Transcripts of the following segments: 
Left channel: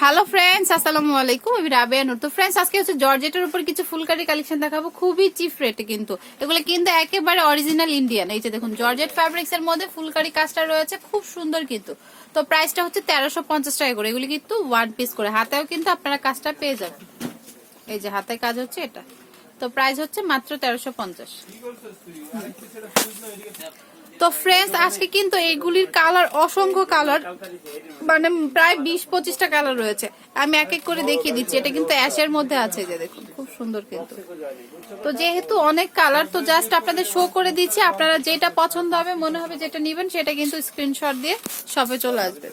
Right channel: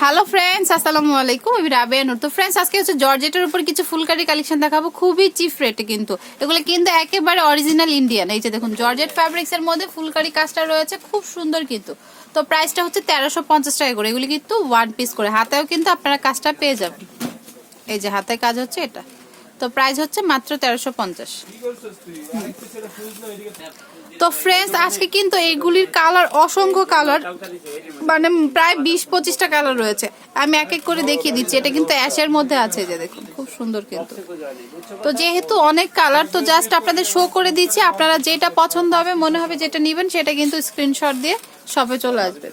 Hello friends আসসালামু আলাইকুম আমি রাবেয়া নূর। তো ফ্রেন্ডস আজকে হচ্ছে জর্জেটের উপর কিছু ফুলকারি কালেকশন দেখাবো। খুবই চিপ রেটে কিন্তু। এগুলো কিন্তু একেবারে অরিজিনাল ইন্ডিয়ান এই যে দেখুন, জর্জেট ফ্যাব্রিক্স এর মধ্যে ফুলকারি কাজটা রয়েছে। খুব সুন্দর কিন্তু। তো প্রাইসটা হচ্ছে তেরোশো পঞ্চাশ টাকা করে। এগুলি কিন্তু ওয়ান পিস করে। হাতেও কিন্তু আপনারা কাজটা পেয়ে যাবেন। এই যে হাতে কাজ হচ্ছে এটা। তো প্রাইস হচ্ছে মাত্র তেরোশো পঞ্চাশ। তো ফ্রেন্ডস আজকে কিন্তু এইগুলির কালার অসংখ্য কালার মানে প্রায় বিশ পঁচিশটা কালার রয়েছে। আমি এক এক করে দেখিয়ে দিচ্ছি, এটা কিন্তু অ্যাশের মধ্যে আছে যে দেখুন, খুব সুন্দর কিন্তু। তো যেহেতু অনেক কালার তো জাস্ট আপনাদের শো করে দিচ্ছি, আপনারা যেটা পছন্দ হবে, মনে হবে যেটা নেবেন, সেটা কিন্তু স্ক্রিনশট দিয়ে শপে চলে আসবে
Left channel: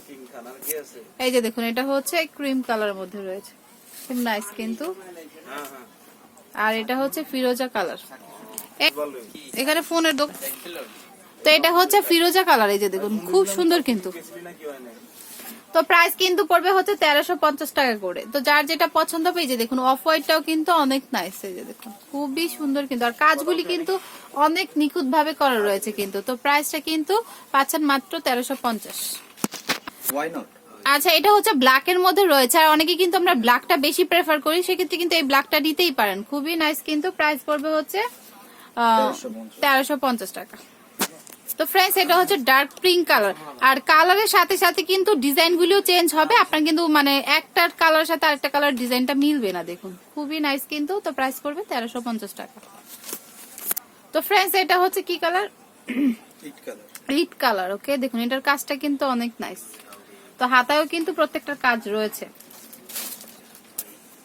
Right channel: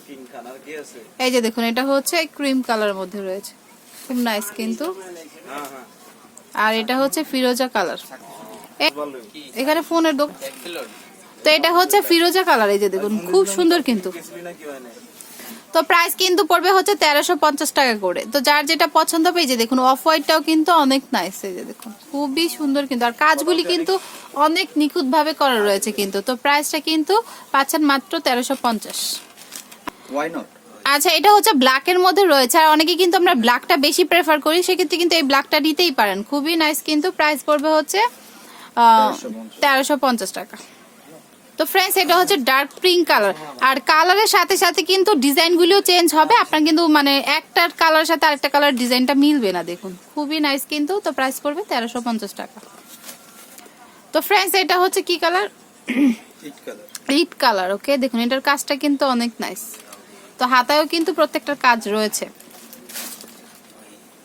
এই যে দেখুন, এটা হচ্ছে ক্রিম কালারের মধ্যে রয়েছে। খুব নাইস কিন্তু। আর এটা হচ্ছে ফিরোজা কালার। এখানে ফোনের দোকান তো এটা হচ্ছে ফিরোজা কালার এই যে দেখুন খুব সুন্দর কিন্তু। তো প্রাইস কিন্তু পড়বে হচ্ছে তেরোশো পঞ্চাশ টাকা করে। তো যার যেটা পছন্দ হবে এই যে দেখুন অফ হোয়াইটটাও কিন্তু অনেক নাইস এই যে দেখুন খুবই সুন্দর কিন্তু। আর কাজগুলি কিন্তু অনেক নিখুঁত ভাবে করা রয়েছে কিন্তু। তো প্রাইসটা কিন্তু পাচ্ছেন মাত্র তেরোশো পঞ্চাশ। ওয়াই নট আচ্ছা এটা হচ্ছে ব্ল্যাক এর মধ্যে রয়েছে। আর অনেকে কিন্তু আমরা ব্ল্যাকটা বেশি প্রেফার করি সেক্ষেত্রে কিন্তু এই ব্ল্যাকটা নিতেই পারেন। খুবই নাইস কিন্তু প্রাইস পড়বে হচ্ছে তেরোশো পঞ্চাশ। টাকা। তো ফ্রেন্ডস এটা হচ্ছে ডার্ক পিঙ্ক কালার আর কালারের সাথে সাথে কিন্তু ডিজাইন গুলিও চেঞ্জ হবে। আপনার কিন্তু মানে একটার কালারের সাথে আরেকটা কালার ডিজাইনটা মিলবে না দেখুন। খুবই নাইস কিন্তু তো প্রাইস পড়বে তেরোশো পঞ্চাশ টাকা। তো ফ্রেন্ডস এটা হচ্ছে কি colour colour it colour okay দেখুন এটার কাজটা কিন্তু অনেক নাইস তো হাতায়ও কিন্তু প্রত্যেকটার কাজ রয়েছে।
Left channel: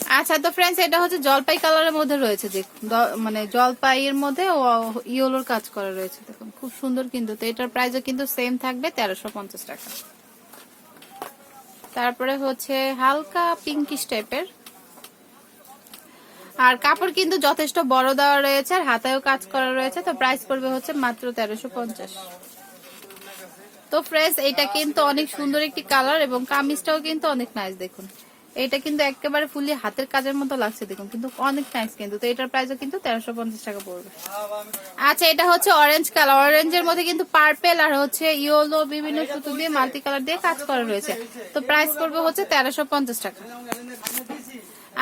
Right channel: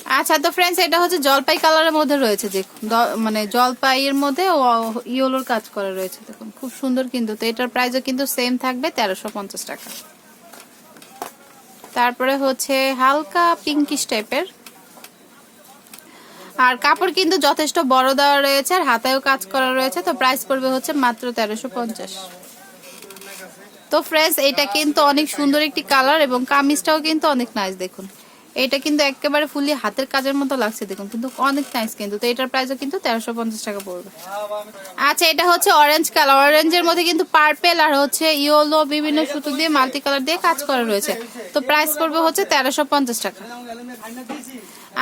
আচ্ছা তো ফ্রেন্ডস এটা হচ্ছে জলপাই কালারের মধ্যে রয়েছে দ- মানে জলপাইয়ের মধ্যে ইয়েলোর কাজ করা রয়েছে, দেখুন। খুব সুন্দর কিন্তু, তো এটার প্রাইসও কিন্তু সেম থাকবে, তেরোশো পঞ্চাশ টাকা। তারপরে হচ্ছে হালকা পিঙ্কিশ টাইপের আর কাপড় কিন্তু যথেষ্ট বড় দেওয়া রয়েছে, আর হাতায়ও কাজ করা রয়েছে, তো প্রাইস পড়বে হচ্ছে মাত্র তেরোশো পঞ্চাশ। তো ফ্রেশ এটা কিন্তু অনেক সুন্দর একটি কালার এবং কামিজটাও কিন্তু অনেক নাইস দেখুন। এটা কিন্তু একেবারে ফুলি হাতের কাজের মতো লাগছে, দেখুন, কিন্তু অনেক নাইস কিন্তু। তো এটার প্রাইসও কিন্তু তেরোশো পঞ্চাশ টাকা পড়বে। আচ্ছা এটা হচ্ছে অরেঞ্জ কালার অরেঞ্জের মধ্যে কিন্তু পার্পেল আর হচ্ছে ইয়েলো বিভিন্ন সুতো দিয়ে মাল্টি কালার দিয়ে কাজ করা রয়েছে। তো প্রাইস পড়বে হচ্ছে তেরোশো পঞ্চাশ টাকা।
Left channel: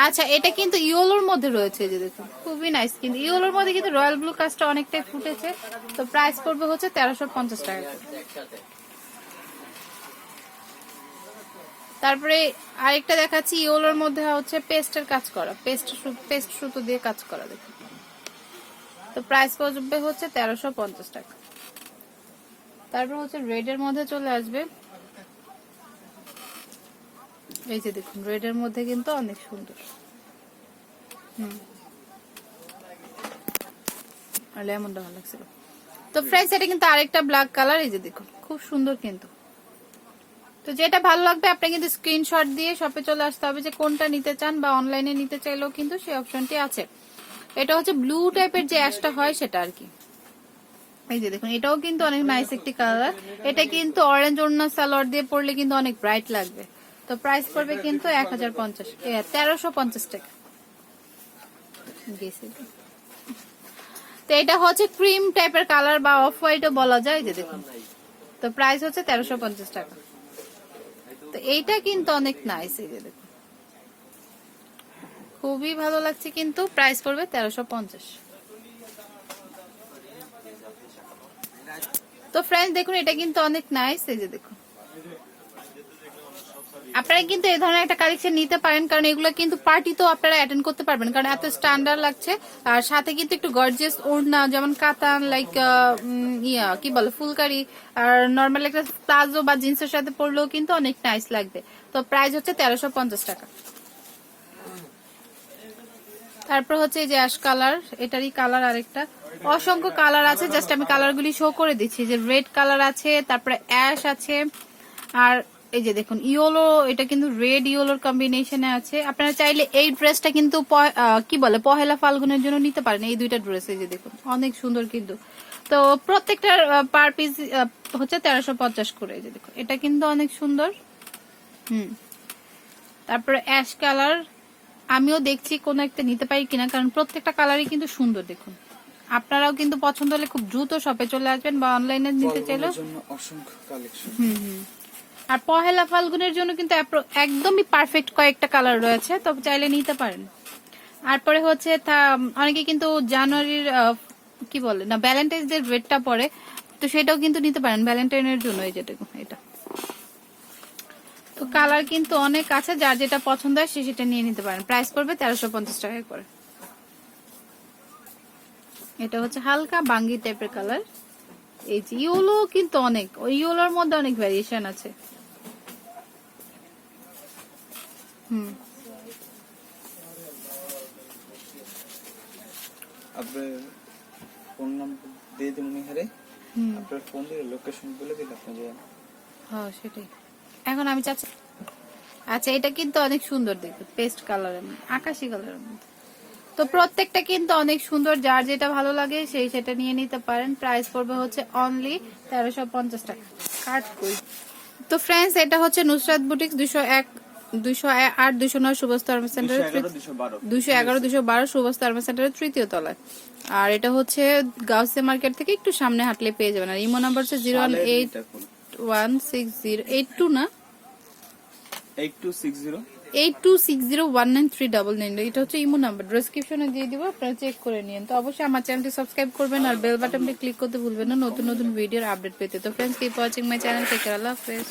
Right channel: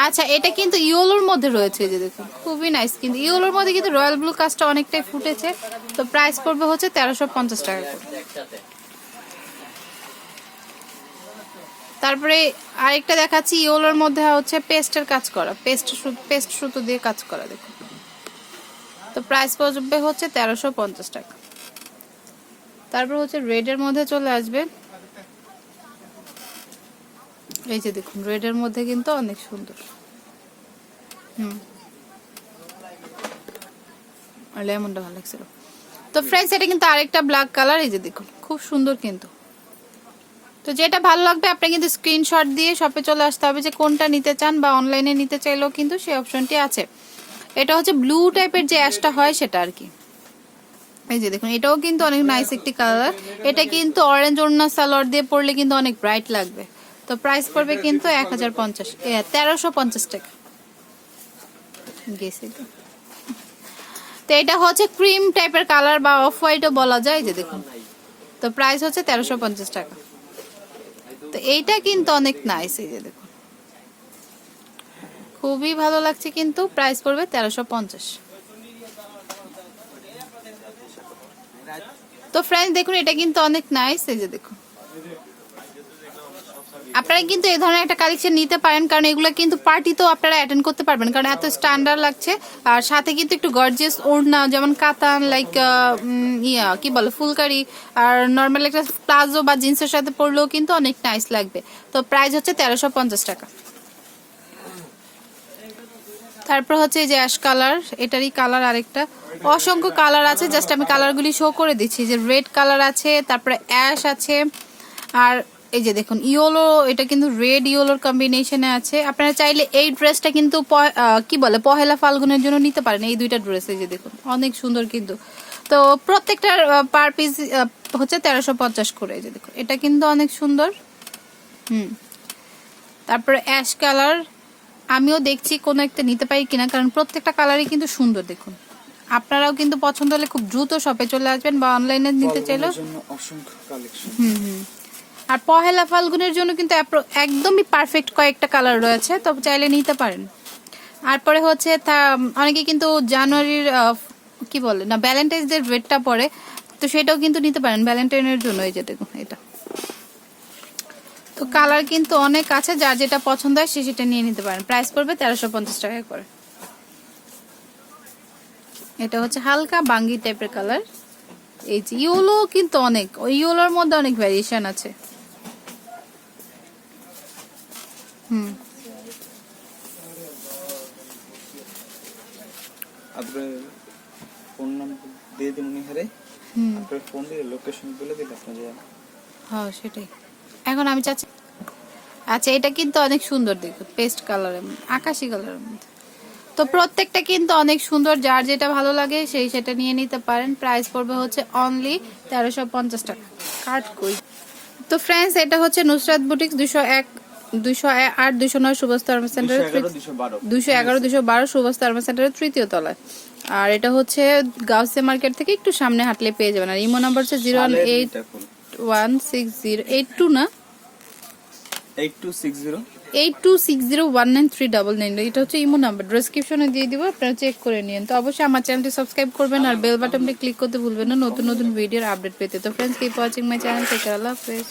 আচ্ছা এটা কিন্তু ইয়েলোর মধ্যে রয়েছে যে, দেখুন, খুবই নাইস কিন্তু। ইয়েলোর মধ্যে কিন্তু রয়্যাল ব্লু কাজটা অনেকটাই ফুটেছে। তো প্রাইস পড়বে হচ্ছে তেরোশো পঞ্চাশ টাকা তারপরে আরেকটা দেখাচ্ছি, ইয়েলোর মধ্যে হচ্ছে পেস্টের কাজ করা। পেস্ট পেস্ট সুতো দিয়ে কাজ করা, দেখুন। তো প্রাইস পড়বে হচ্ছে তেরোশো পঞ্চাশ টাকা। তারপর হচ্ছে রেডের মধ্যে চলে আসবে। এই যে দেখুন রেডের মধ্যে কিন্তু অনেক সুন্দর। হুম। লেমনটা ভালো লাগছিল। তো ফ্রেন্ডস এটা কিন্তু আরেকটা ব্ল্যাক কালার এই যে দেখুন, খুব সুন্দর কিন্তু। তো যেটা ভালো লাগবে আপনি কিন্তু স্ক্রিনশট দিয়ে শপে চলে আসতে হবে যে কোনটা নিতে চান বা অনলাইনে নিতে চাইলেও কিন্তু সেই অপশনটি আছে। এটা হচ্ছে ব্লু টাইপের যে অ্যাশটা হয় সেটা আর কি। এই যে দেখুন, এটাও কিন্তু অনেক নাইস একটি কালার এটা কিন্তু অরেঞ্জ ওড়না সালোয়ার দিয়ে পরলে কিন্তু অনেক ব্রাইট লাগবে। তো প্রাইস পড়বে কিন্তু এক হাজার পঞ্চাশ। তেরোশো পঞ্চাশ টাকা। গেছে। তো। এটা হচ্ছে ক্রিম টাইপের কালার বা অফ হোয়াইটও বলা যায় যে দেখুন। তো প্রাইস হচ্ছে তেরোশো পঞ্চাশ টাকা। তো এইটা কিন্তু অনেক নাইস এই যে দেখুন। খুবই ভালো লাগছে কিন্তু প্রাইস পড়বে তেরোশো পঞ্চাশ। তো ফ্রেন্ডস দেখুন, এটা কিন্তু অনেক নাইস এই যে দেখুন। আপনারা কিন্তু এই ধরনের একটা কালেকশন নিতে পারেন, কারণ এগুলো কিন্তু পার্টিতেও আপনারা অ্যাটেন্ড করতে পারবেন, কারণ এত স্ট্যান্ডার্ড লাগছে। আর সাথে কিন্তু একটু গর্জিয়াস ওড়না, যেমন কাতান লাইক ইয়া, কি বলে, ফুলকারি, আর নর্মাল একটা প্লাজো বা জিন্সের সাথে পরলেও কিন্তু অনেক নাইস লাগবে। তো প্রাইস হচ্ছে তেরোশো পঞ্চাশ টাকা। তারপর হচ্ছে যে অ্যাশ কালার এটারই কালার আরেকটা। অসংখ্য কালার আছে জাস্ট আমি কালারগুলি শো করে দিচ্ছি। যে রেড কালার আছে, তারপরে অ্যাশ আছে, আর এই যে দেখুন ইয়োলো এটা কিন্তু রেড ইয়োলোর কম্বিনেশনে আছে। আপনারা চাইলে এই ড্রেসটা কিন্তু কি বলে পহেলা ফাল্গুনের জন্য নিতে পারেন এই দুইটা ড্রেস এই যে দেখুন অনেক সুন্দর কিন্তু। তো প্রত্যেকটার পার পিস হচ্ছে তেরোশো পঞ্চাশ করে এই যে দেখুন এটা কিন্তু অনেক সুন্দর। হুম। তারপরে অ্যাশ কালার আমিও দেখছি কোনো একটা নিতে পারি কিনা কারণ প্রত্যেকটা কালারই কিন্তু সুন্দর দেখুন। আপনারাও কিন্তু পছন্দ হলে খুব দ্রুত শপে চলে আসবেন বা অনলাইনে নিতে চাইলেও। অসংখ্য কালেকশন হুম হুম। আর পহেলা ফাল্গুনের জন্য কিন্তু একদমই পারফেক্ট কয়েকটা কালার রয়েছে, তবে চাইলে নিতে পারেন। আর পরে হচ্ছে অনেকে কিন্তু জানুয়ারির কি বলে, না ভ্যালেন্টাইন্স ডে রেটটা পরে, তো সেটাও কিন্তু নিতে পারেন ভ্যালেন্টাইনের জন্য, এই যে দেখুন, এটা। তো কালার কিন্তু অনেক আছে, যার যেটা পছন্দ হয়, সে সেটা নিয়ে নিতে পারেন। প্রাইস পড়বে তেরোশো পঞ্চাশ টাকা করে। এটা হচ্ছে হালকা বাঙ্গি টাইপের কালার এই যে, ইয়েলো কিন্তু অনেক, ওই ইয়েলোর মধ্যে অনেক ভ্যারিয়েশন আছে। হুম আপনার ফোন নাম্বার দিয়ে দিন উনি হারে হুম। আপনার ফোন দিয়ে লোকেশন বলে দিন আপনি যে হ্যাঁ সেটাই। এখন আমি চাচ্ছি আচ্ছা এটা কিন্তু অনেক সুন্দর দেখুন পেস্ট কালারের আকাশি কালারের মধ্যে। তো প্রত্যেকটা কিন্তু অনেক সুন্দর যার যেটা ভালো লাগে সেই সেটা নিয়ে নিতে পারেন। প্রাইস পড়বে হচ্ছে অনলি তেরোশো পঞ্চাশ টাকা। কাট কই? তো ফ্রেন্ডস এটা হচ্ছে নুসরাত বুটিক দুশো এক দুশো আট দুশো নয় সুভাষ ধর্ম সেন্টারের দুশো এগারো দুশো বারো। সুভাষ ধর্ম সেন্টারের তৃতীয় তলায়। আর এটা হচ্ছে গাউসে মার্কেট থেকে একটু সামনে হাঁটলে পেয়ে যাবেন। আর ইমো নাম্বার হচ্ছে zero one eight one six zero eight two না? Eight two six zero. Eight two six zero one nine three double nine এটা হচ্ছে ইমো নাম্বার ডিসক্রিপশনে দিয়ে দিব আপনারা চেক করে নিন। তো অবশ্যই আমার চ্যানেলটি সাবস্ক্রাইব করবেন আর বেল বাটনটি ক্লিক করতে ভুলবেন না। নতুন নতুন ভিডিওর আপডেট পেতে। তো friends keep watching my channel থেকে আল্লাহ হাফেজ।